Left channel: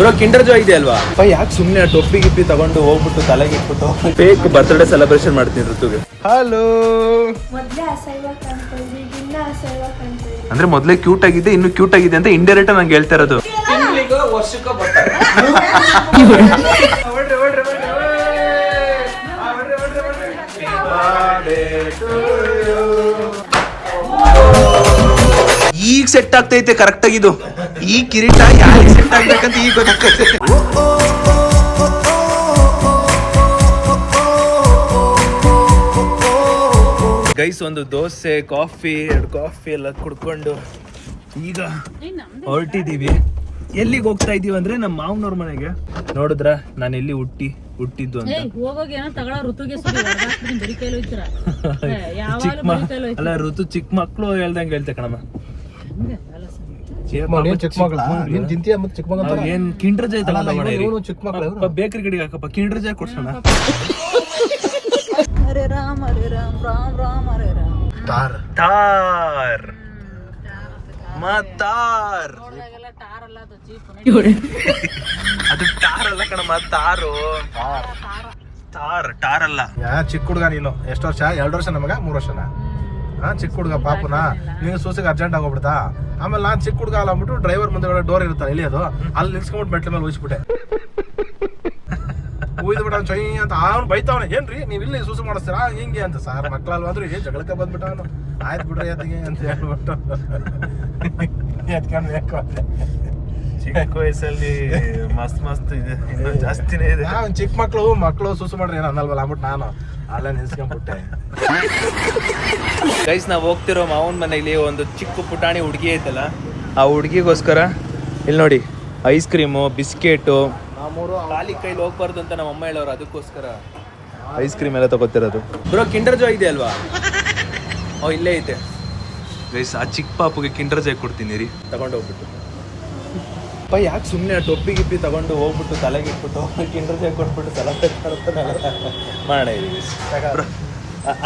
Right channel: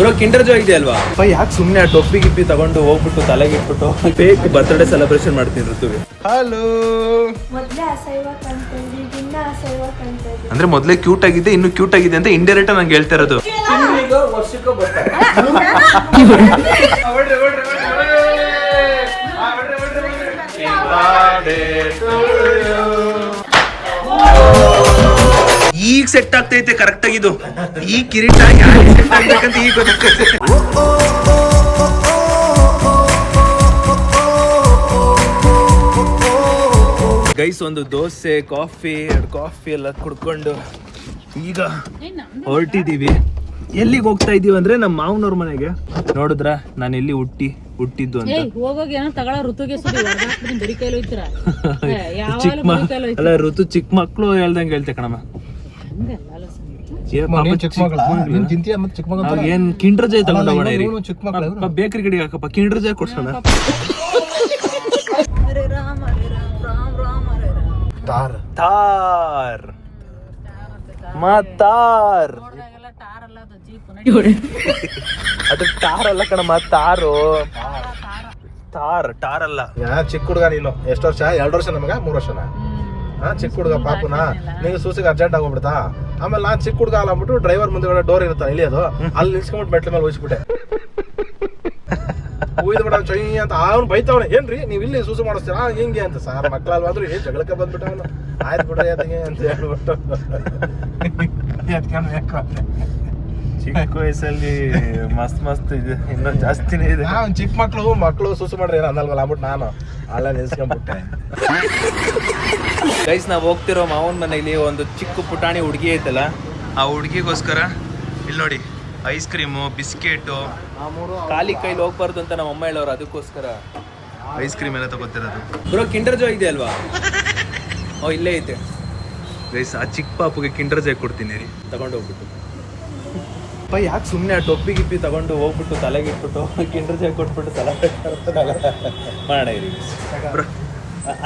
Bro Kinder Joy ಇದೆ ಅಲ್ವಾ ಯಾಕೆ ಸುಮ್ಮನೆ ಟೊಪ್ಪಿ ಗಿಪ್ಪಿ ತಗೊಂಡು ಹೋಗ್ಬಿಟ್ಟು ತಲೆಗೆ ಇಟ್ಬಿಟ್ಟು ಫೇಕ್ ಬರ್ತ್ಡೇ ಸೆಲೆಬ್ರೇಷನ್ ಮಾಡ್ತೀನಿ ಋತುಗೆ. ಹಲೋ. ಅಂದ್ರೆ ಮೊದಲೇ ಕ್ಯೂಟ್ ಆಗಿದೆ, ಇನ್ನು ಕ್ಯೂಟ್ ಆಗಿದೆ ಅಂತ ಇಂಡೈರೆಕ್ಟ್ ನಂಗೆ ಹೇಳ್ತಾ ಇರೋದು. ಈಗ ಸೆಟ್ ಆಗ್ತೈತೆ ಕರೆಕ್ಟ್ ಆಗಿದ್ದು. ಈ ಕಿರೀಟ ಯಾಕೆ ಸೆಟ್ ಆಗ್ಬೇಕಂತ ಈಗ ಗೊತ್ತಾಗ್ತೈತೆ. ಗೈಸ್ ಒಂದು ದೋಸೆ ಕಾಫಿ 2 ಕಾಫಿ ಎಲ್ಲ ಕುಡ್ಕೊಂಡು ಈಗ ಹೊರಟಿದೀವಿ. ಎಲ್ಲಿಗೆ ಹೋಗ್ತಾ ಇದೀವಿ ಅಂದ್ರೆ ನಮ್ಮ ಮಾವನವ್ರ ಮನೆಗೆ. ನೋಡಿದ್ರ ನಾನು ಎಲ್ಲಿ ಹುಟ್ಟಿದ್ದು ಅಂತ. ಅಲ್ಲ ಋತು ಚಿಕ್ಕ ಮಕ್ಳು ಹೇಳ್ದಂಗೆ ಹೇಳ್ತೆ ಕಣಮ್ಮ. ಏನ್ ಕಿಂಡರ್ ಜಾಯ್ ತಗೊಂಡೋಗೋಣ, ಬೇಕರಿ ಕಡೆಗೆ ಹಾಕಪ್ಪ ಕಿಂಡರ್ ಜಾಯ್ ಕೊಡ್ಸೋಣ. ತಾರ್ ಮಾತಾರ್ ಅದು ಟಾರ್ ಅಲ್ಲ ಕಣಮ್ಮ, ತಾರು ಟಾರ್ ಅಲ್ಲ. ಚಿಕ್ಕ ಹುಡುಗ ನೀನು. ಎಷ್ಟು ವರ್ಷ? 2 ವರ್ಷ ನಮಗ 3 ವರ್ಷನ? ಚಿಕ್ಕ ಹುಡುಗ ಪಾಪುನ ನಿಂಗೆ ಸೂಸಿಗೆ ಅರ್ಜೆಂಟ್ ಆಗೋಗ್ಬಿಡ್ತಾ. ಆಮೇಲೆ ನಾನ್ ಚಿಕ್ಕ ಹುಡುಗ ಅಲ್ಲ ಅಂದ್ಬಿಟ್ಟು ಡ್ರೈವರ್ ಮುಂದೆ ಡೋರ್ ಇರುತ್ತಲ್ಲ ಇಲ್ಲಿ, ಅದು ಅಲ್ಲಿ ನಿಲ್ಸ್ಕೊಂಡ್ಬಿಟ್ಟು ಮೆಟ್ಲ ಮೇಲೆ ಹೋಗಿಸ್ಬಿಟ್ಟೆ. ಉಯ್ದು ಬಿಡ ಚೊಯ್ ಅಂತ ಅವ್ನು ಬೈತಾವನೆ. ಏನ್ರಿ ನೀವು ಇಲ್ಲಿ ಸೂಸು ಮಾಡಿಸ್ತೀರಾ ಹಿಂಗೆ ಅಂತ. ಸಾರ್ ಮಕ್ಳಲ್ವ ಅಂದ್ರು ಏನ್ ಜಗಳಕ್ಕೆ ಬಂದ್ಬಿಟ್ಟ ಅವನು. ಆಯ್ತು ಬಿಡ್ರಿ ಅದಕ್ಕೆ ಅಂತ ಹೇಳ್ಬಿಟ್ಟು ಚಿಕ್ಕ ವಯಸ್ಸಲ್ಲಿ ಮಸ್ತ್ ಇದೆ, ಇನ್ನೂ ಜಾಸ್ತಿನೇ ಇದೆ. ಚಿಕ್ಕ ಮಕ್ಳು ಸೂಸು ಮಾಡ್ರಿ ಏನೋ ಅನ್ನಲ್ವಲ್ಲ ಅಂದ್ಬಿಟ್ಟು ನಾನು ಅಲ್ಲ ನಿಲ್ಸ್ಕೊಂಡ್ಬಿಟ್ಟೆ. ಗೈಸ್ ನಾವು ಹೋಗ್ತಿರೋ ಮಾವನ ಮನೆಯಲ್ಲಿ ಒಂದು ಚಿಕ್ಕ ಪುಟಾಣಿ ಹುಡುಗಿ ಐತಲ್ಲ, ಆ ಹುಡುಗಿಗೋಸ್ಕರ ಇಲ್ಲಿ ನೋಡಿ ಐಸ್ ಕ್ರೀಮು ಬಿಸ್ಕೆಟು ಖಾಲಿ ಕೈಲಿ ಹೋಗ್ಬಾರ್ದು ಅಂತ ನಮ್ಮ ಅಮ್ಮ ಹೇಳೋರು, ಅದಕ್ಕೋಸ್ಕರ ಐಸ್ ಕ್ರೀಮ್ ಎಲ್ಲ ತಗೋತಿರೋದು. ಬ್ರೋ ಕಿಂಡರ್ ಜಾಯ್ ಇದೆ ಅಲ್ವಾ? ಇಲ್ಲೇ ಐತೆ ಗೈಸ್. ಆ ಚಿಕ್ಕ ಪಾಪುಗೆ ಕಿಂಡರ್ ಜಾಯ್ ಕೊಡ್ತೀನಿ ರೀ, ತಗೊಂಡು ಹೋಗ್ಬಿಟ್ಟು. ಯಾಕೆ ಸುಮ್ಮನೆ ಟೊಪ್ಪಿ ಗಿಪ್ಪಿ ತಗೊಂಡು ಹೋಗ್ಬಿಟ್ಟು ತಲೆಗೆ ಇಟ್ಬಿಟ್ಟು ಕಿಂಡರ್ ಜಾಯ್ ಕೊಟ್ಬಿಟ್ಟು ಸೆಲೆಬ್ರೇಟ್ ಮಾಡೋಣ ಇರಿ ಬ್ರೋ.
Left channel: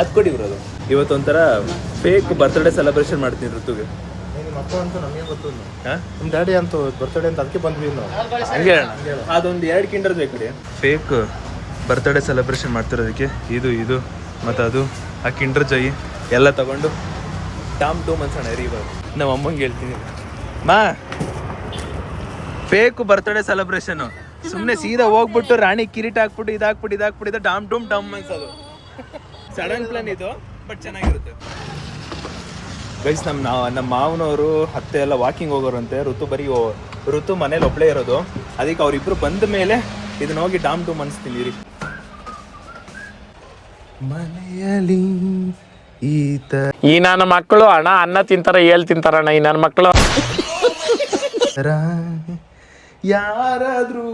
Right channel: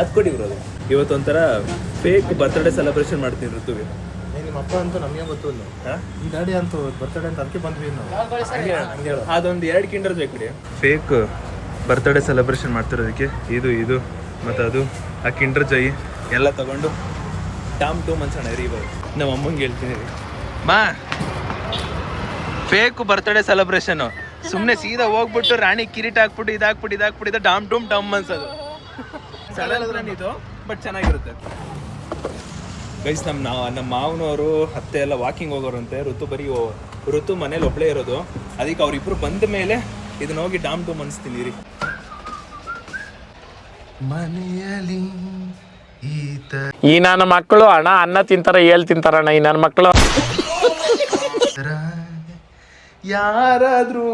ಅದು ಕೊಡಿ ಬ್ರೋ. ಅದು ಇವತ್ತೊಂಥರ ಫೇಕ್ ಬರ್ತ್ಡೇ ಸೆಲೆಬ್ರೇಷನ್ ಮಾಡ್ತೀನಿ ಋತುಗೆ. ಮಕ್ಕಳು ಅಂತೂ ನಮಗೆ ಗೊತ್ತು. ನಿಮ್ಮ ಡ್ಯಾಡಿ ಅಂತೂ ಬರ್ತ್ಡೇ ಅಂತ ಅದಕ್ಕೆ ಬಂದ್ವಿ ಇನ್ನು. ಹಂಗೆ ಅದೊಂದು 2 ಕಿಂಡರ್ ಜಾಯ್ ಕೊಡಿ. ಫೇಕ್ ಬರ್ತ್ಡೇ ಸೆಲೆಬ್ರೇಷನ್ ಮಾಡ್ತಿರೋದಕ್ಕೆ ಇದು ಮತ್ತು ಅದು ಆ ಕಿಂಡರ್ ಜಾಯ್ ಎಲ್ಲ ತಗೊಂಡು ಟೂಮ್ ಅನ್ಸೋಣ ರೀ. ಇವಾಗ ನಮ್ಮ ಅಮ್ಮಂಗೆ ಹೇಳ್ತೀನಿ, ಮಾ ಫೇಕ್ ಬರ್ತ್ಡೇ ಸೆಲೆಬ್ರೇಷನು ಸುಮ್ಮನೆ ಸೀದಾ ಹೋಗ್ಬಿಟ್ಟು ರಾಣಿ ಕಿರೀಟ ಹಾಕ್ಬಿಟ್ಟು ಇದಾಕ್ಬಿಟ್ಟು ಡಮ್ ಅನ್ಸೋದು. ಸಡನ್ ಪ್ಲಾನ್ ಇದು, ಬಟ್ ಚೆನ್ನಾಗಿರುತ್ತೆ. ಗೈಸ್ ನಮ್ಮ ಮಾವನವರು ಅತ್ತೆ ಎಲ್ಲ ವಾಕಿಂಗ್ ಹೋಗೋರಂತೆ. ಋತು ಮನೇಲಿ ಒಬ್ಬಳೇ ಇರೋದು, ಅದಕ್ಕೆ ಅವ್ರಿಬ್ರು ಬಂದ ಮೇಲೆ ಇದನ್ನ ಹೋಗಿ ಡೂಮ್ ಅನ್ಸ್ತೀನಿ ರೀ. ಮನೆಯಲ್ಲಿ ಈ ನನ್ನ ಮಕ್ಕಳು ಅನ್ನ ತಿಂತಾರ ತಿಂತಾರಣ್ಣ. ಈ ನನ್ನ ಮಕ್ಕಳು ಯಾರಾದ್ರೂ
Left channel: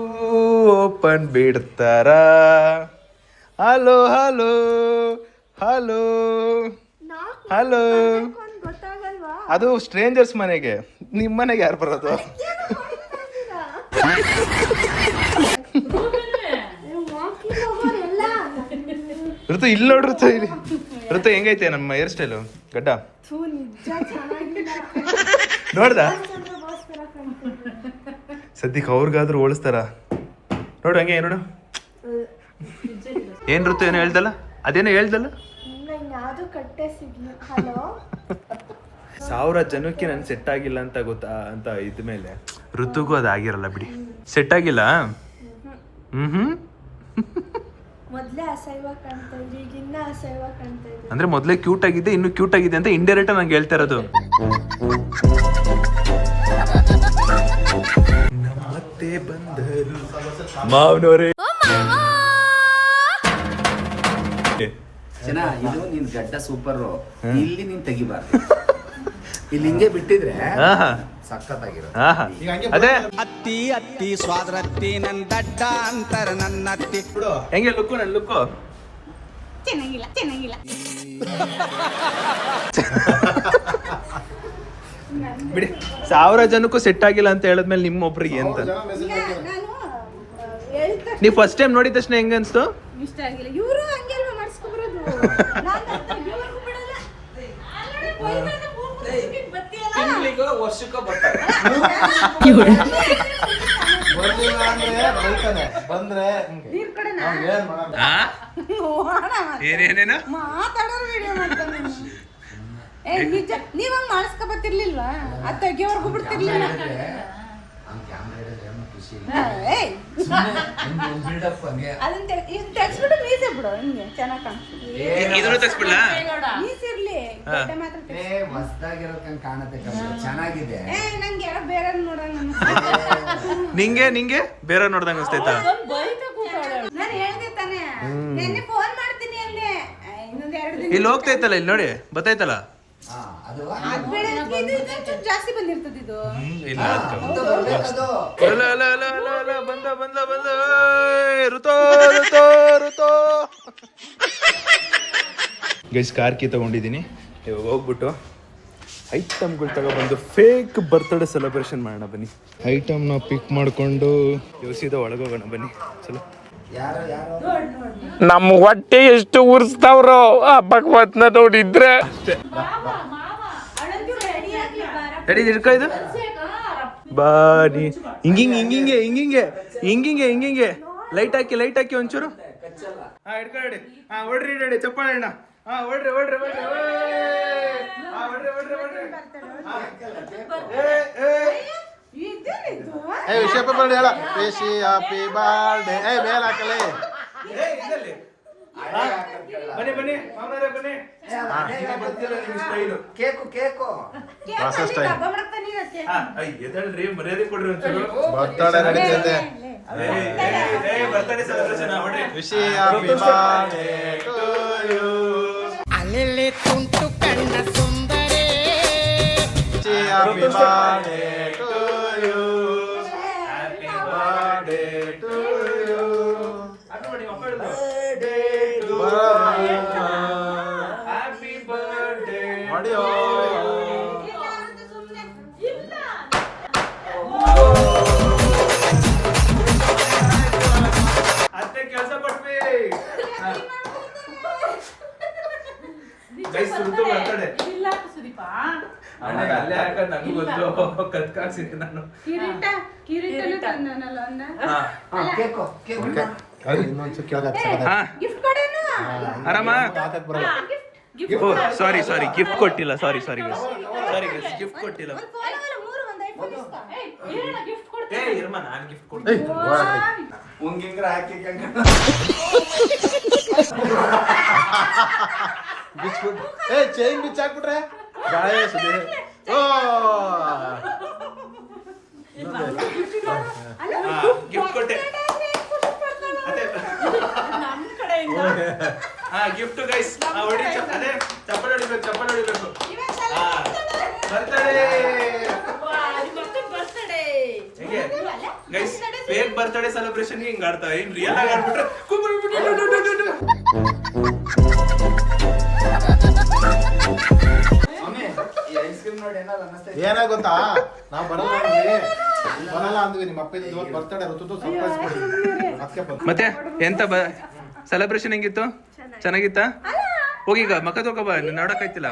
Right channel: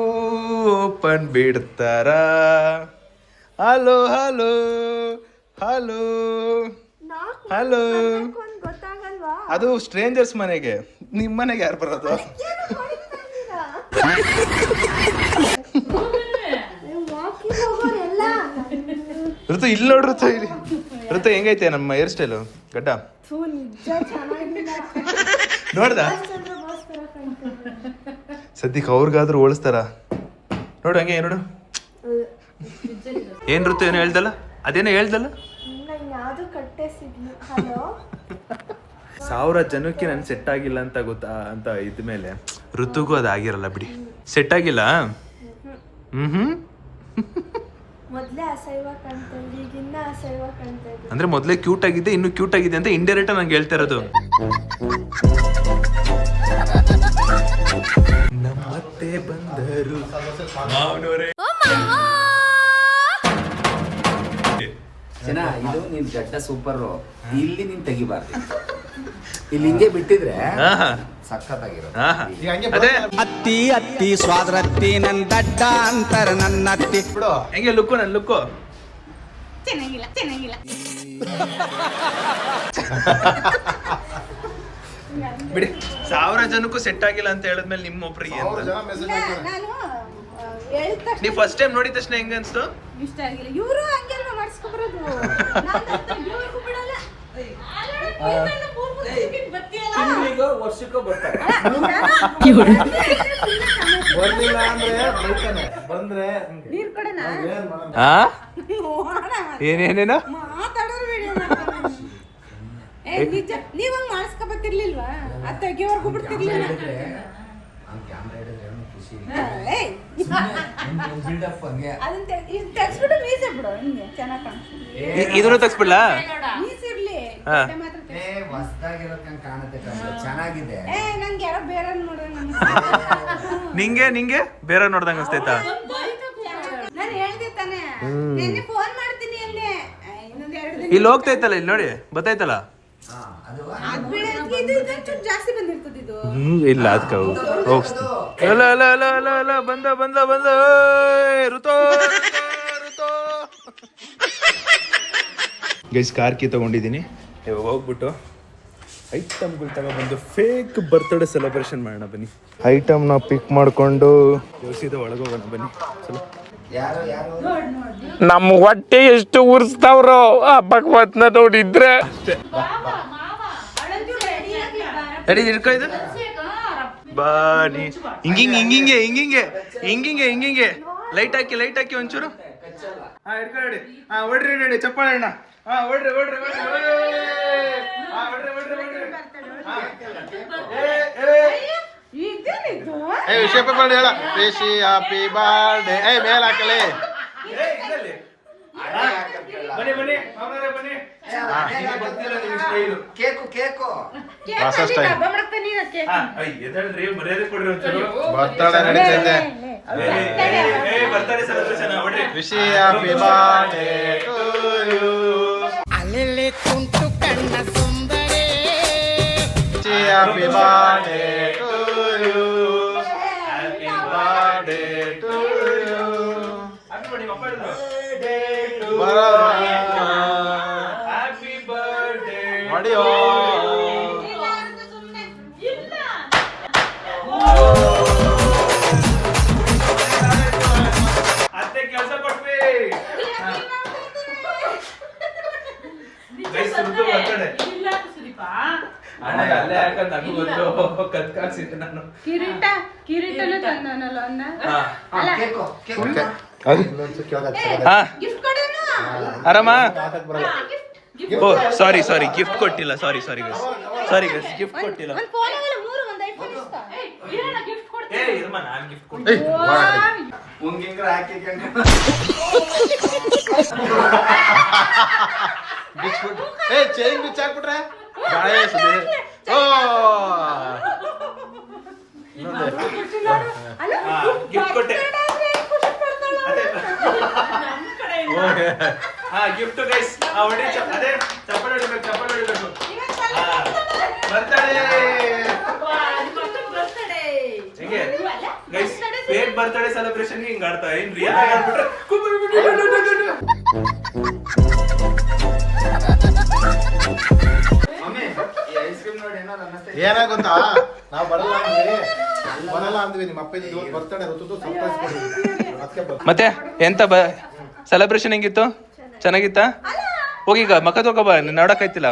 ಓಪನ್ ಬಿಡ್ತಾರ? Hello hello hello hello. ಅದು ಸ್ಟ್ರೇಂಜರ್ಸ್ ಮನೆಗೆ, ನಿಮ್ಮ ಮನೆಗೆ ಯಾರು ಬರೋದು? ಋತು ಇಲ್ಲಿ ನೋಡ್ರಿ. ಋತು ಹೆಂಗೈತೆ ನಮ್ಮ ಹೇರ್ ಸ್ಟೈಲು? ಗಡ್ಡ ನೋಡ್ದ? ಸದ್ಯಕ್ಕೆ ಅವ್ರಿಗಾದ್ರೂ ಹೋಲಿಸ್ತಾರ ನೋಡು. ಹಂಗೆ ನೋಡು. ಏನ್ ಋತು ಏನೋ ಹೇಳ್ದಲ್ಲ, ಅದೇನೋ ಹೇಳ್ದಲ್ಲ. 1000 ಜನಕ್ಕೆ ನನ್ ಸೆಟ್ ಆಗಿಲ್ಲ ಅಂತ ಗೊತ್ತಾ ಅಂತ ಇದ್ಮೇಲೆ ಋತುಗೂ ಅದಾಗಿರಲ್ಲ ಬಿಡಿ. ಸೆಟ್ ಆಗಿಲ್ಲ. ಅಂದ್ರೆ ಮೊದಲೇ ಕ್ಯೂಟ್ ಆಗಿದೆ, ಇನ್ನು ಕ್ಯೂಟ್ ಆಗಿದೆ ಅಂತ ಇಂಡೈರೆಕ್ಟ್ ನಂಗೆ ಹೇಳ್ತಾ ಇರೋದು. ಮತ್ತೆ ಬಂದರು ಮಾವನವರೇ. ಜನ ಇದು ನಿನ್ ಗಡ್ಡ ಸೂಪರ್. ಇಲ್ಲಿ ನೀನ್ ತೆಗಿಬಾರ್ದು, ಇಲ್ಲಿ ಹಿಂಗೆ ಬಿಟ್ಟಿದ್ರೆ ಸಖತ್ತಾಗಿರೋ. ಅದೇ ಅತ್ತಿ ಸ್ವಾದ್ರತ್ತಿ ನನ್ ದಡ್ಡ ಅಂತಾರ ನನ್ನ ಅತ್ತಿ. ಹೆಂಗೆ ಲುಕ್ಕು? ನನ್ನ ಲುಕ್ಕು ಚೆನ್ನಾಗಿಲ್ಲ ಬಿಡಿ. 1000 ಜನಕ್ಕೂ ಸೆಟ್ ಆಗಿಲ್ಲ ಅಂತ ಹೇಳಿದ್ಮೇಲೆ ನಿಮ್ಮ ಒಬ್ರಿಗೆ ನೀವು ಫಸ್ಟ್ ಟೈಮ್ ನೋಡಿದ ತಕ್ಷಣ ಹೆಂಗ ಅನ್ಸ್ತು? ಇಷ್ಟ ಆಗಿಲ್ಲ. ಇವರು ಹಂಗೆ ಅಲ್ವಾ ಮಾಡಿಸ್ಕೊಬರೋದು. ತಿಂಗಳಿಗೋ ವರ್ಷಕ್ಕೋ ಬರ್ತಾರೆ. ಬರ್ಲಿಲ್ಲ ಅಂದ್ರೆ ಬೈತಾನೆ, ಬಂದ್ರೆ ನೀರ್ ಕಡೆನಾ? ಅವ್ನ್ ಏನ್ ಮಾಡೋದು? ಆ ನೋಡೋಣ ಮತ್ತೆ. ಏನೇನೇನ ಮಾತಾಡೋರು ವಿಡಿಯೋ ಮಾಡ್ತಾನೆ ಅವ್ನು. ಏ ನಿಜ ನೀವ್ ಹಂಗ್ ಮಾಡಿಸ್ಕೊಬತ್ತಿರ್ಲಿಲ್ವಾ? ಅದ್ ತೆಗಿಯೋರ್ಗು ಬಿಡ್ತಿರ್ಲಿಲ್ಲ. ಹಾ, ಏಯ್ ಅದನ್ನ ತೆಗ್ಸ್ಬಿಟ್ಟು ಮೀಸೆ ಬಿಡು, ಹಿಂಗೆ ಚೆನ್ನಾಗ್ ಕಾಣಿಸ್ತದೆ. ಇದನ್ನು ತೆಗ್ಸ್ಬಿಡ್ಲಾ? ಮೀಸಿರ್ಲಿ, ಹಾ. ಗಡ್ಡ ಮಾತ್ರ ತೆಗ್ಸು. ಹೊಸದಾಗಿರೋಕೆ ಕಾಣುತ್ತೆ ಕಣೋ, ಚೆನ್ನಾಗಿದೆ. ಏ ನಂಗೆ ಯಾರೋ ಬೇರೆ ನೋಡಂಗ ಅನ್ಸ್ತು. ನಿಂಗೆ ಬೇರೆ ನೋಡ್ದಂಗ ಅನ್ಸ್ತೈತಾ? ನಾನು ಹೇಳ್ದೆ ತಾನೇ, ನಿನ್ನೆ ಫೋನ್ ಮಾಡ್ತೀನಿ ಅಲ್ಲಿ. ಇನ್ನೊಂದ್ 2 ದಿನ ಇಲ್ಲಿ ಹೋಗ್ತೈತಲ್ಲ, ಇಲ್ಲಿ ನೋಡಿ ಬತ್ತೈತಲ್ಲ. ಹಾ, ಅದು ಅದ್ ಬೇಡ, ಇದು ಒಂಚೂರು ಜಾಸ್ತಿ ಬಂದಿರ್ತದ ಇದು. ಇಲ್ಲ ಅದಕ್ಕೆ ಅಲ್ಲ ಅಲ್ಲ ಅಲ್ಲ ಅಲ್ಲ ಅಲ್ಲ ಬಂದ ಋತೋ ಋತೋ ಋತೋ ಗೈಸ್ ಕಾರ್ ಕೀ ತಗೊಂಡಿದ್ದೀನಿ. ಇವಾಗ ಹೋಗ್ಬಿಟ್ಟು ಐಟಮ್ಗಳು ತಗೊಬಂದು ಫೇಕ್ ಬರ್ತ್ಡೇ ಸೆಲೆಬ್ರೇಷನ್ ಮಾಡೋಣ ಬನ್ನಿ. ಐಟಮ್ನ ಪಿಕ್ ಮಾಡಿಕೊಂಡು ಯೋಸಿದ ಒಳಗೋಗೋಣ ಬನ್ನಿ. ಚಲೋ ನಮ್ಮ ಹೊಟ್ಟೆ ಎಷ್ಟು ಉರ್ಸ್ತಾವ್ರೋ ಆ ಭಗವತ್ನ ನೋಡಿದ್ರೆ. ರೆಡಿ ಹಿಡ್ಕೊ ಇದು ಬಾ ನೀ ಹಿಂಗಿಂಗೆ ಲೈಟ್ ಹಾಕಿ ಒಂಚೂರು. ಹಾ ಹಿಡ್ಕೊ ರೆಡಿ. ಹಾ ಹೊಡ್ರಿ ಚಪ್ಪಾಳೆ ಅಣ್ಣ. ಹಾ ಹೊಡ್ರಿ ವಿಷಯ ಪೇಪರ್ ಹೇಳ. Wish happy birthday. ಮೇಲ್ ಹಾಕಲಿ. ಬನ್ನಿ ಕೇಕು ಹೊಸ ಸ್ಟೈಲ್ ಹಬ್ಬ ಮಾಡ್ತಾನೆ ನೀನಕ್ಕೆ. ಎದಳ್ರಿ ಮರ್ಯಾದೆ ಕೊಡ್ರಿ ಒಂಚೂರು. ಬರ್ತಡೇ ನಡೀತೈತೆ. ಬರ್ತಾರೆ ಸೆಲೆಬ್ರೇಷನ್ ಹೊಡ್ರಿ. Wish happy birthday to you. ಅಲ್ಲೆಲ್ಲಿ ತುಂಟು ಕಣ್ಣ ಸುಂದರೇ. Wish happy birthday to you. Happy birthday to you. Happy birthday ಮಾಡಿಯೋ. ಅತ್ತೆ ಕೆಲಸ ಕೊಟ್ವಿ. ಋತು ಬರ್ತಡೆ ಅಣ್ಣಗೆ ಅಲ್ಲೇ ಹಾಕಂದ್ ನಂಗೂ ಗೊತ್ತು. ಕಲ್ತ್ಕಾಡ್ಸಿದ್ದೆ ನಾನು. ಕಿರೀಟನು ತಂದನಲ್ಲ ಅಂದ. ಕೇಕು ಓಕೆ ಅದು ಇನ್ನೊಂದು ಕೆಳಗೆ ಹಾ ಗಿಫ್ಟ್ ಕೊಡೇನು? ಆರಾಮ. ಓ ಸಾರಿ ಗಿಫ್ಟ್ ಕೊಟ್ಟಿಲ್ಲ. ಸಾರಿ ಗೈಸ್ ಗಿಫ್ಟ್ ಕೊಟ್ಟಿಲ್ಲ. ಒಂದ್ ಫೋನ್ ಇಲ್ಲ, 3 ಒಂದ್ ಐಫೋನ್ ಇಸ್ಕೊ. ಏ ಇರ್ಮ ನಾನು ಗಿಫ್ಟ್ ಕೊಡ್ತೀನಿ. ಏಯ್ ಒಳಗಡೆ ಮುಂಗಿಂಗ್ರ ಹಾಕಿಕೊಂಡು ಬಿಚ್ಬಿಟ್ಟು ಚೈನ್ ಬಿಚ್ಚಾಕ್ಬಿಟ್ರೆ ಗಾಯ ಸುದ್ದಿ. ಓ ಇನ್ನೊಂದು ಗಿಫ್ಟ್ ಕೊಟ್ಟೆ. ಹಾ ಗಿಫ್ಟ್ ಗೈಸ್. ಹೊಡಿ ಅದೇ ಚಪ್ಪಲ್ ಹೊಡಿಬೇಕು. ಹಾ ಬರ್ತಡೇ ಹಿಂಗೆ ಗೈಸ್. ಫೇಕ್ ಬರ್ತಡೇ ಸೆಲೆಬ್ರೇಷನ್ ಹಿಂಗ್ ಆಡ್ತಾರೆ. ಏನ್ ರಿಯಲ್ ಆಗಿ ಆಡ್ಬಿಟ್ರೆ ಐಸ್ ಕ್ರೀಮ್ ನೋಡಿ ಏನಾದ್ರು ಅನ್ನಿಸ್ತಾ ಏನಾಗ ಗೊತ್ತಾ, ನಾವು ಬರಲ್ಲ ಅಂದ್ವಿ. ನಿಮ್ಮ ಅಪ್ಪ ಇವತ್ತು ಬರ್ತಡೇ ಋತುದು ಸರ್ಪ್ರೈಸ್ ಮಾಡಿ ಅದಕ್ಕೆ ಬರ್ತಾರೆ. ಮತ್ತೆ ಎಂತ ಸೆಲೆಬ್ರೇಷನ್ ಹೆಂಗಿತ್ತು? ಚೆನ್ನಾಗಿತ್ತಾ? ಹೋಗೀಗ ಮಕ್ಕ ತಗೋ ಬಾ, ನೋಡಕ್ಕಾಯ್ತಿಲ್ಲ.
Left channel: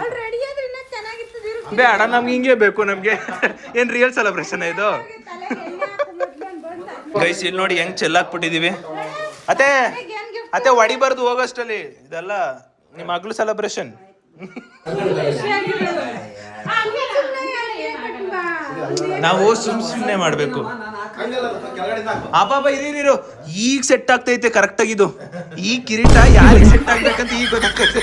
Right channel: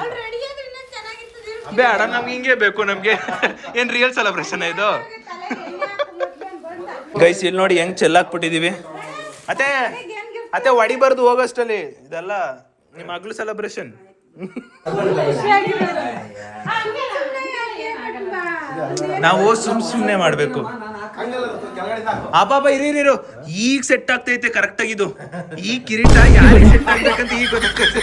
ಅವ್ಳು ರೆಡಿ ಆದ್ರೆ ಇನ್ನೂ ಚೆನ್ನಾಗಿರ್ತದೆ. ಬೇಡ ನಮ್ಗೆ ಹಿಂಗೆ ಬೇಕು. ನಮ್ಗೆ ಏನ್ ರಿಯಲ್ ಸೆಲೆಬ್ರೇಷನ್ ಇದು? ಗೈಸ್ ಇಲ್ಲಿ ನೋಡಿ ಹೆಂಗ್ ಚೆಲ್ಲಾಕ್ಬಿಟ್ಟಿದೀವಿ. ಅತ್ತೆ ಹೊಡಿಬಾರ್ದು ಹೋಗೋಷ್ಟಲ್ಲಿ. ಇದೆಲ್ಲ ನಿಮ್ಮ ಮಗಳು ಸೆಲೆಬ್ರೇಷನ್. ನಾವು ಸುಮ್ನೆ ಮಾಡ್ಬೇಕು. ಅಬ್ಬಾಬ ಇರೀರು, ಈಗ ಸೆಟ್ ಆಗ್ತೈತೆ ಕರೆಕ್ಟ್ ಆಗಿದು. ಈ ಕಿರೀಟ ಯಾರಿಗೆ ಸೆಟ್ ಆಗ್ಬೇಕಂತ ಈಗ ಗೊತ್ತಾಗ್ತೈತೆ.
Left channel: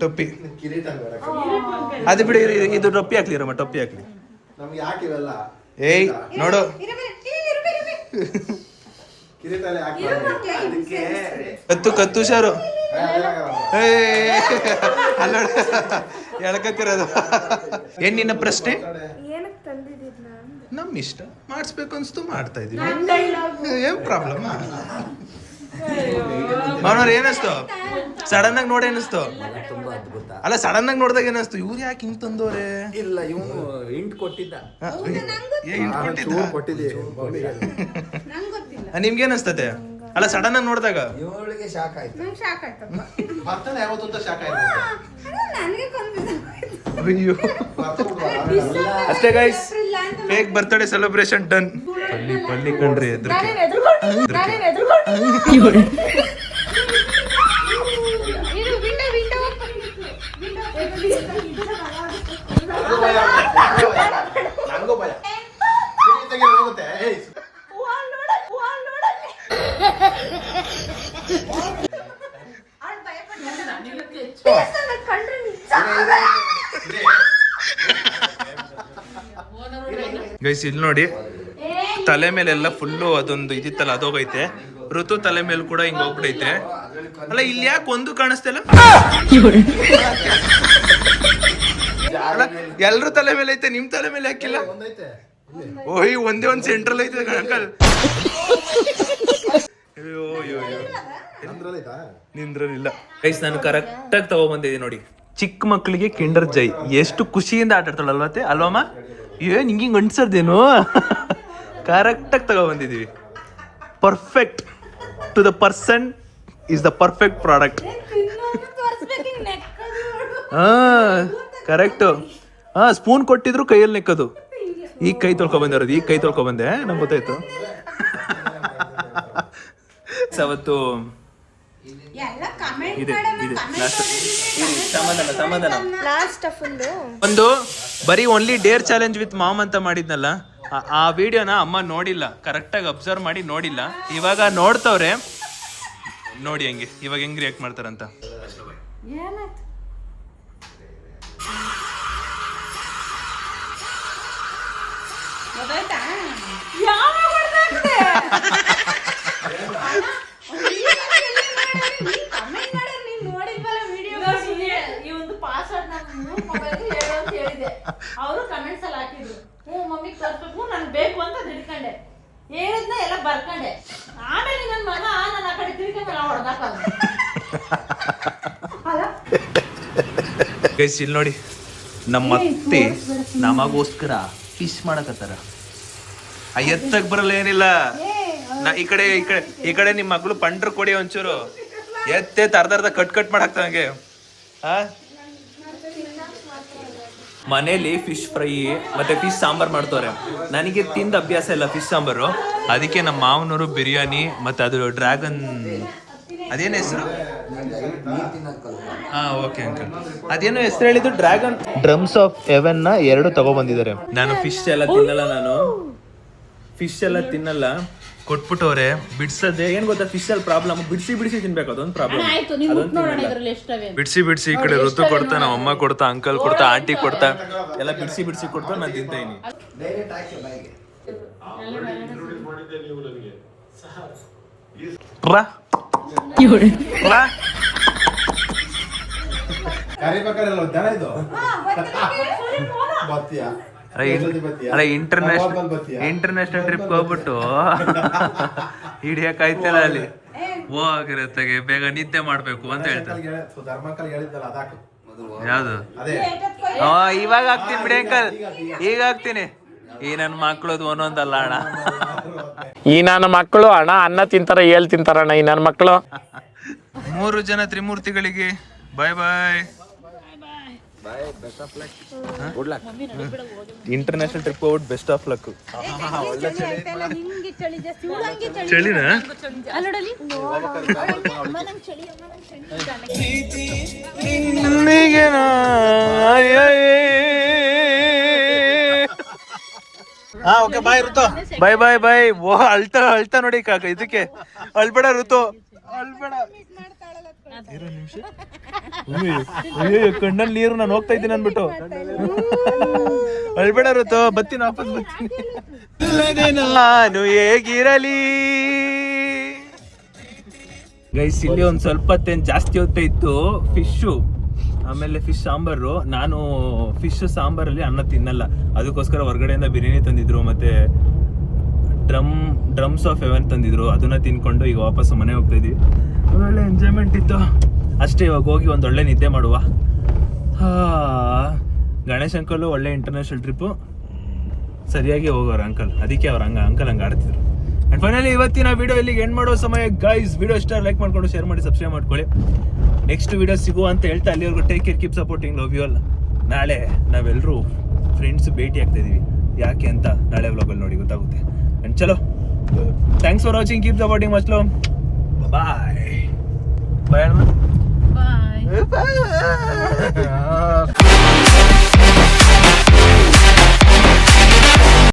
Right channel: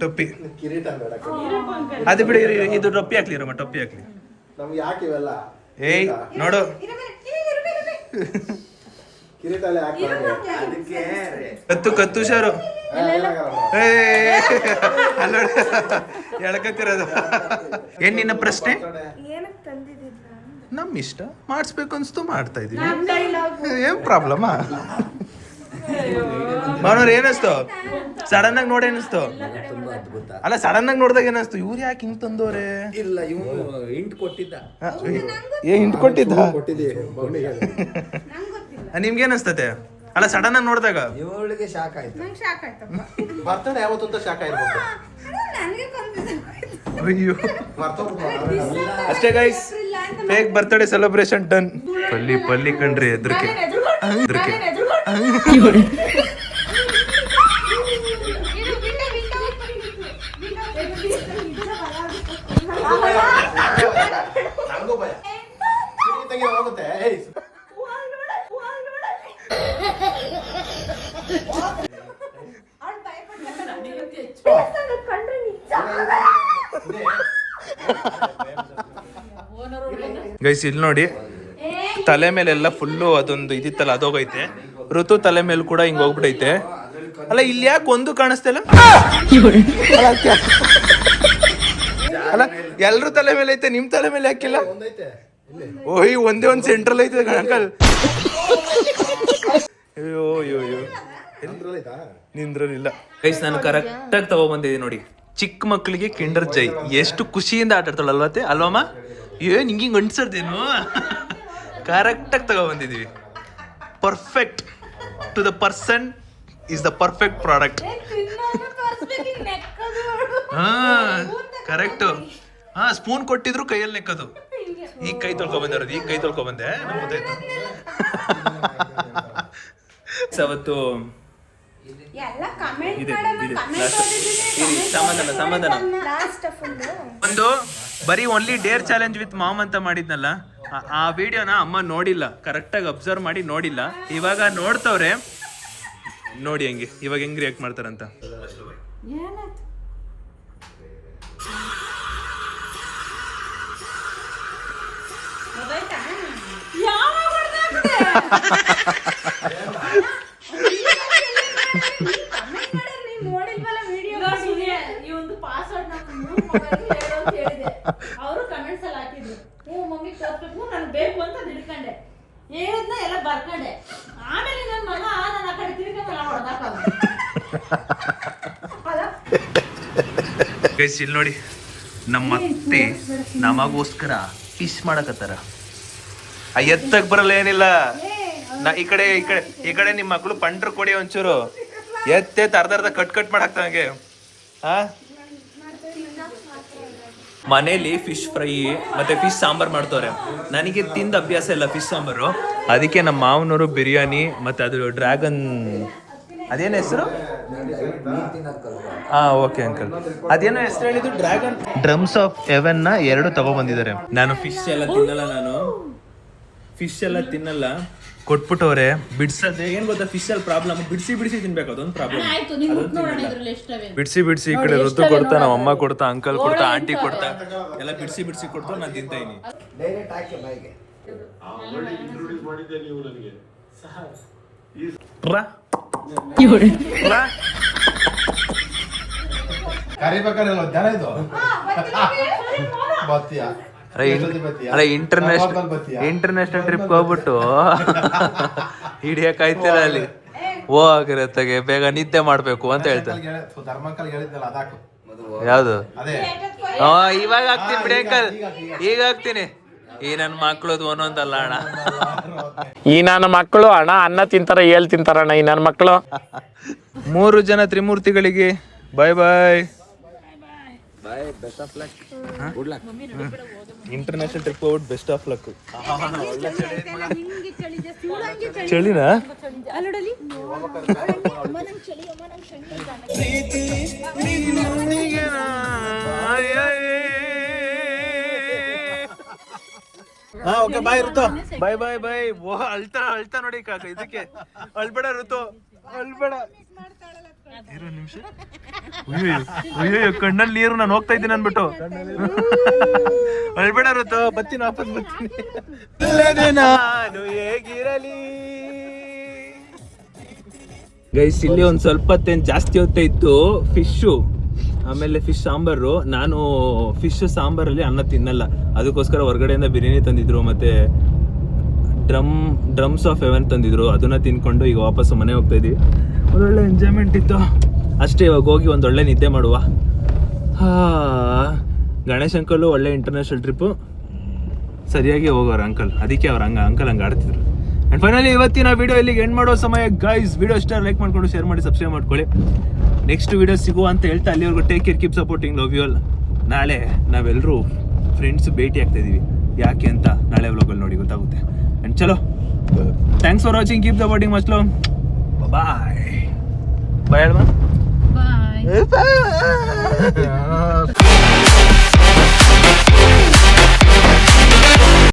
ಟೊಪ್ಪಿ ಕಿರೀಟ ಬೇಡ, ಅದು ಬಿಡಿ. ಇದು ಟೊಪ್ಪಿ ಹಾಕ್ಲಿ ರಮ್ಮ, ಟೊಪ್ಪಿ ಹಾಕ್ಲಿ. ನಮ್ಗೆ ಯಾಕೆ ಇವೆಲ್ಲ? ಏಯ್ ನೋಡು, ಕಿರೀಟ ಎಲ್ಲ ಯಾಕೆ? ಕತ್ತು ಶಾರು ಅಲ್ಲ ಎಳ್ಕತ್ತಿರೋದು. ಏನ್ ನಿನ್ನ ಪ್ರಶ್ನೆ? ಏನಕ್ಕೆ ತಂದಿದ್ದಿಲ್ಲ? ನಮ್ ಇಷ್ಟ, ಮಾಡಿಸ್ಬೇಕು ಅನ್ಸ್ತು ಮಾಡ್ತಾ ಇದೀವಿ. ಏನ್ ಪ್ರಾಬ್ಲಮ್? ಮಾವನವ್ರ ಏನಿಸ್ತು? ಸಡನ್ ಆಗಿ ನೋಡಿ ಅನಿಸ್ತು. ತುಂಬಾ ಅದ್ಭುತ. ಅಲ್ಲ ಸಡನ್ ಆಗಿ ನೋಡಿದಾಗ ಏನಿಸ್ತು, ಇವ್ರು ಯಾಕೆ ಹಿಂಗ್ ತಂದವ್ರೆ? ಇಲ್ಲ ಇವನು ಇಂಟ್ ಕೊಟ್ಟಿದ್ದ. ಹಿಂಟ್ ಕೊಟ್ಟಿದ್ದ. ನಿಮ್ಗೆ ಏನಿಸ್ತತೆ? ಅಲ್ಲ ಸಡನ್ ಆಗಿ ನೋಡಿದಾಗ ಇವಳಿಗೆ ಶಾಕ್ ಆಯ್ತು. ನಂಗೆ ಶಾಕ್ ಆಯ್ತಪ್ಪ. ಬರ್ತದೆ ಯಾವತ್ತೂ ಶಾಖ ನನಗೆ ಕನ್ಫ್ಯೂಸ್ ಅಯ್ಯೋ ಅಷ್ಟೇ guys, fake birthday celebration done. ಪಲ್ಲಿ ಕಣ್ರಿ ಎದ್ರಕ್ಕೆ ನನಗೂ ಭಯ ಹೋಗುತ್ತೆ. ಗೈಸ್ ಇಲ್ಲಿ ನೋಡಿ, ತಲೆ ಮೇಲೆಲ್ಲ ಫುಲ್ಲು ಅದೊಂದು ಇದಿತ್ತಲ್ಲ ಅದೋಗೈತೆ. ಋತು ತಲೆ ಮೇಲೆ ಕೂಡ ಹಿಂಗ್ ಹೋಗ್ಬಿಟ್ಟೈತೆ. ಅಲ್ಲ ಇಲ್ಲಿ ಯಾಕೆ ಒಂದು ಕಾಣಿಸ್ತಿಲ್ಲ? ಅಲ್ಲ ಎಲ್ರು ತಲೆ ಮೇಲೆ ಐತೆ, ನಿಮ್ ತಲೆ ಮೇಲೆ ಹಾಕಿಲ್ಲ? ಓಯ್ ಒಂದೇ ಒಂದ್ ಸೆಂಟ್ರಲ್ ಐತೆ ಅಂಕಲ್. ಅಯ್ಯೋ ಅಯ್ಯೋ ಅಯ್ಯೋ ನಿಂದ್ರಲಿಲ್ಲ. ಗೈಸ್ ನಾನು ಕರೆಕ್ಟಾಗಿ ತಗೊಬಂದಿದ್ದೀನಿ ನೋಡಿ. ಚಿಕ್ಕ ಮಕ್ಕಳಿಗೆ ಕಿಂಡರ್ ಜೈ ಎಷ್ಟು ಖುಷಿಯಿಂದ ಆಟ ಆಡ್ತಾಳಲ್ವತ್ತೆ ಅಲ್ವಮ್ಮ? ಏನ್ ಹಿಂಗಿಂಗ್ ಅಂಟ್ಸರ್ದೇನು? ಕರೆಕ್ಟಾಗಿ ತಗೊಬಂದಿದ್ದೀವಿ. Perfect to the person is the perfect product. ಹಾ ಕರೆಕ್ಟು. ಹಾ ಸ್ಪೂನ್ ಕೊಟ್ಟಿದ್ರು ಕೈಯಲ್ಲಿ ನೆಕ್ಕದು. ಈಗ ಕೈ ತೊಳ್ಕೊಬಂದಿರೋದು, ಈಗ ಕೈ ತೊಳ್ಕೊಬಂದೆ, ನಂಗೆ ಗೊತ್ತಾಯ್ತು. ಅವತ್ತು ಇದೆ ಸಮಾಧಾನ ಒಂದು ಬರೀ only dare challenge with mom ಅಂತ ಮಾಡಿದ್ನಲ್ಲ, ಆ ವಿಡಿಯೋನ ಅಮ್ಮ ನೋಡಿಲ್ಲ, ಕರೆಕ್ಟಾಗಿ ಅಬ್ಸರ್ವ್ ಮಾಡಿ ನೋಡಿಲ್ಲ. ಇವಾಗ ನೋಡ್ತವ್ರೆ, ನೋಡಿ ಹಂಗೆ ಇವಾಗ ಹೆಂಗ್ ರಿಯಾಕ್ಟ್ ಮಾಡ್ತಾರಂತ. ಅವರು ಕಮೆಂಟ್ಸ್ ಅಲ್ಲಿ ಹಾಕಿದ್ರು, ಮಮ್ಮಿ ತೋರ್ಸ್ಬೇಕು, ನನ್ ಬೇಕು ಅಂತ ತಿಳ್ಕೊಂಡೆ, ಹೇಳಿದ್ನ ಎಲ್ಲ ಬರ್ಕೊಂಡೆ. ಆಮೇಲೆ ನನ್ನ ಮಗ ನನ್ನ ಆ ಕಡೆ ತಿಳ್ಕೊಂಡೆಲ್ಲ ಹೊಡೆದಾಕ. ಗೈಸ್ ಇಲ್ಲಿ ನೋಡಿ, ನಮ್ಮ ಅತ್ತೆ ನಮಗೋಸ್ಕರ ಫಿಶ್ ಮಾಡಕತ್ತಾರ. ಎತ್ತಕ್ ಬರಲ್ಲ ಏನಿಲ್ಲ. ಈ ಕಡೆ ನಿಮ್ಮ ಮಗಳು ಪಂಡ್ರ ಕೊಡಿ ಒಂಚೂರು ಎತ್ತೆತ್ ಅರ್ಧ ಕಟ್ ಮಾಡಾಕ್ತ ಹಂಗೆ. ಮನೇಲಿ ಫಿಶ್ ಫ್ರೈ ಮತ್ತೆ ಫಿಶ್ ಸಾಂಬಾರ್ ಮಾಡ್ತವ್ರೆ. ನನಗೆ ತಿಂದ ಅಭ್ಯಾಸ ಇಲ್ಲ ಫಿಶ್ ಸಾಂಬಾರು, ಅದಕ್ಕೆ ನಮ್ಮ ಮಾವನವರು ಬಿರಿಯಾನಿ ಮತ್ತೆ ಅದು ಡ್ರ್ಯಾಗನ್, ಅದೇನು ಹೆಸರು? ಓಕೆ ಅಂಕಲ್, ಅದೇನೋ ಹೆಸರು ಹೇಳಿದ್ದು, ಡ್ರ್ಯಾಗನ್ ಡ್ರಮ್ಸ್ ಆಫ್ ಹೆವೆನ್ ನ 2 ತಗೊಬಂದಿದ್ದಾರೆ. ನಾನು ಫಿಶ್ ಎಲ್ಲ ತಿನ್ನಲ್ಲ, ಕೊಟ್ಬಿಟ್ಟವ್ರೆ. ಬಿಡ್ಸದೆ ಏನ್ ಗೊತ್ತಾ, ಫಿಶ್ ಅಲ್ಲಿ ಪ್ರಾಬ್ಲಮ್, ಬಿಡಿಸಿ ತಿನ್ಬೇಕು, ಅದೊಂದು ಪ್ರಾಬ್ಲಮ್. ಬಿಡಿಸಿ ಈ ಕಡೆ ಋತು ಕೊಡ್ತಾ, ನಮ್ಮ ಅಮ್ಮ ಕೊಡ್ತಾ, ಅಂಕಲ್ ಕೊಡ್ತಾ, ಆಂಟಿ ಕೊಡ್ತಾ, ಎಲ್ಲ ಬಿಡಿಸಿ ಕೊಡ್ತಾ ನಾನು ತಿಂತಾ ಇದೀನಿ. ಅಲ್ಲ ಇಂಟರ್ನ್ಯಾಷನಲ್ ಟ್ರಿಪ್ ಹೋಗ್ಬಿಟ್ಟು ಹಿಡಿಯಕ್ಕಾಯ್ತಿಲ್ಲ ಅಲ್ಲಿ ಹೋಗಿರತ್ತಾಗೆ, ಬೇಗ ನಿದ್ದೆ ಮಾಡ್ಬೇಕು ಅಂತ ಹೇಳ್ತಾರೆ. ಯಾವ್ದು? ಇವಾಗ ಹಾಕ್ತೀನಿ ಬಿಡಿ ಅಂಕಲ್, ಈಗ ಹಾಕ್ತೀನಿ. ಈ ನನ್ನ ಮಕ್ಳದು ಒಂದೊಂದಲ್ಲ ಅಣ್ಣ, ಈ ನನ್ನ ಮಕ್ಕಳು ಅಣ್ಣ ಅನ್ನ ತಿಂತಾರ, ಏಳ್ ತಿಂತಾರಣ್ಣ ಈ ನನ್ನ ಮಕ್ಕಳು. 3 ಜನ ತ್ರಿಮೂರ್ತಿಗಳಿಗೆ ಬಾಯ್ ಬಾಯ್. ಇಂಟರ್ನ್ಯಾಷನಲ್ ಟ್ರಿಪ್ ಹೋಗ್ಬಿಟ್ಟು best of luck. ಚಳಿನಾ? Bye bye ಬಾಯ್. ಓ ಅಳ್ತಾ ನೋಡಿ ಕಾಕ, ಇದಕ್ಕೆ ಅಳ್ಬೇಡ ಋತು, ಅಳ್ಬೇಡ. ಅಯ್ಯೋ ಕಣ್ಣಲ್ಲಿ ನೀರು, ನಾನು ಹೋಗ್ತಾ ಇದ್ದೀನಿ ಅನ್ಬಿಟ್ಟು. ಅಳ್ಬೇಡ ಋತು, ಬತ್ತೀನಿ ವಾಪಸ್ ಬತ್ತೀನಿ. ನಾನು ಹೇಗಿರಲಿ ಗೈಸ್. ಇಲ್ಲಿ ಒಂದ್ ಸ್ವಲ್ಪ ಹೊತ್ತೇನು ಜಾಸ್ತಿ ಹೊತ್ತ ಇತ್ತು ಫಿಶು, ಆಮೇಲೆ ಫಿಶ್ ಸಾಂಬಾರು. ನಾನು ಫಿಶ್ ಸಾಂಬಾರಲ್ಲಿ ಅನ್ನ ತಿನ್ನಲ್ಲ, ಅದಕ್ಕೋಸ್ಕರ ಹೊರಗಡೆಯಿಂದ ಬಿರಿಯಾನಿ ತಂದಿದ್ರು, ಮತ್ತೆ ಡ್ರಮ್ಸ್ ಆಫ್ ಹೆವೆನ್ ತಂದಿದ್ರು. ಅದನ್ನ ತಿನ್ಕೊಂಡು ಈಗ ವಾಪಸ್ ಮನೆ ಹೋಗ್ತಾ ಇದೀವಿ. ಒಳ್ಳೆ ಎಂಜಾಯ್ಮೆಂಟ್ ಇತ್ತು. ಅಷ್ಟೇ, ಇವಾಗ ಹೋಗಿ ಒಂದು ಒಳ್ಳೆ ನಿದ್ದೆ ಮಾಡುವ. ಗಣೇಶ್ ಅಂಕಲು ಒಳ್ಳೆ ಇಂಟರ್ನ್ಯಾಷನಲ್ ಟ್ರಿಪ್ಪು, ಸರಿಯಾಗಿ ಹೋಗೋರು ಅಂಕಲ್, ಅದಕ್ಕೆ ಅವ್ರು ಅಂಕಲ್ ಹಂಗೆ ಆಡ್ತಿದ್ರು. ಆ್ಯಂಡ್ ಫೈನಲಿ ಇವತ್ತಿನ ವಿಡಿಯೋ ಇಲ್ಲಿಗೆ ಎಂಡ್ ಮಾಡೋ ಸಮಯ ಗೈಸ್. ವಿಡಿಯೋ ಇಷ್ಟ ಲೈಕ್ ಮಾಡ್ಕೊಂಡು ಶೇರ್ ಮಾಡಿ ಸಬ್ಸ್ಕ್ರೈಬ್ ಮಾಡ್ಕೊಳ್ಳಿ. ನೆಕ್ಸ್ಟ್ ವಿಡಿಯೋ ಸಿಗುವ ಅಂತ ಹೇಳ್ತಾ ಅಲ್ಲಿವರೆಗೂ take care, keep supporting, love you all. ನಾಳೆ ನಾವೆಲ್ಲರೂ ಫ್ರೆಂಡ್ಸ್ ಭೇಟಿ ಆಗ್ತಾ ಇದೀವಿ, ಯಾಕೆ ಅಂತ ನಾಳೆ ವ್ಲಾಗಲ್ಲಿ ನೋಡಿ ಗೊತ್ತಾಗುತ್ತೆ. ಆ್ಯಂಡ್ ಚಲೋ, thanks for watching, keep supporting, much love, bye bye. Bye.